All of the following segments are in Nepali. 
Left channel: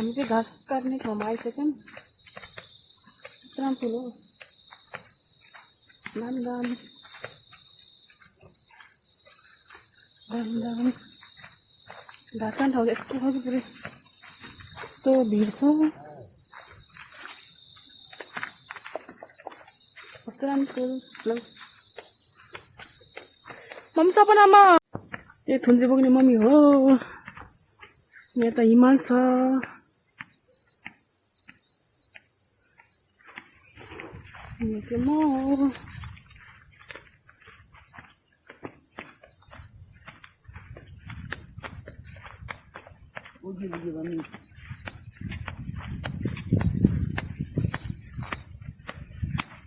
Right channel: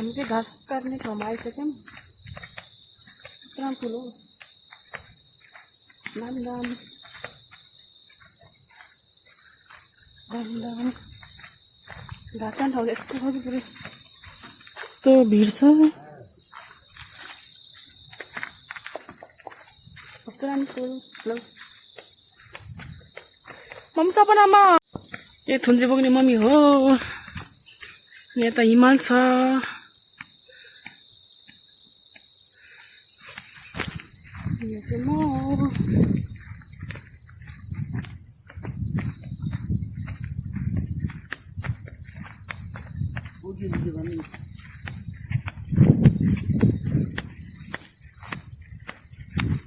हामी चाहिँ घाँस काट्ने ठाउँमा आइसक्यौँ। यत्रो ठुलो दामी दामी दामी दामी घाँस काट्ने ठाउँ यस्तो खालको पुरै यस्तो भिड छ। कस्तो राम्रो फुल ल मम्मी सपनामा यो थुन्जे बोक्ने मम्मी हो। यता हिमाल छ। यो चाहिँ म हो।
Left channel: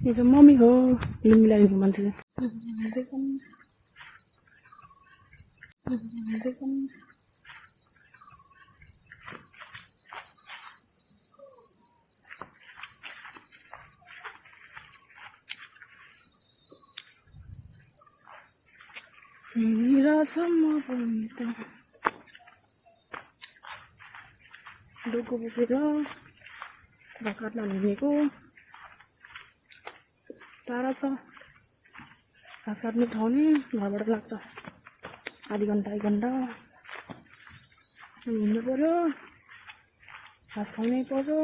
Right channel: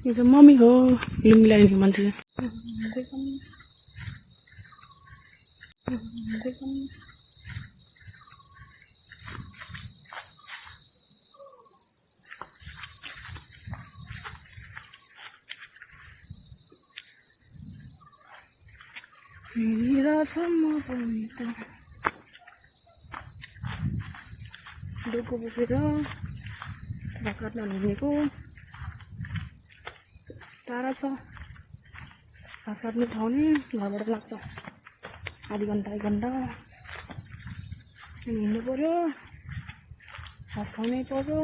यो चाहिँ मम्मी हो लुङ्गी लगाइदिएको मान्छे। डोको बोकेर घाँस काट्न हिँडेको। टाढा छ घाँस काट्ने ठाउँ नि घरबाट लाग्छ आधी घन्टा 1 घन्टा हिँड्नु पर्यो। घाँस खानै पर्यो।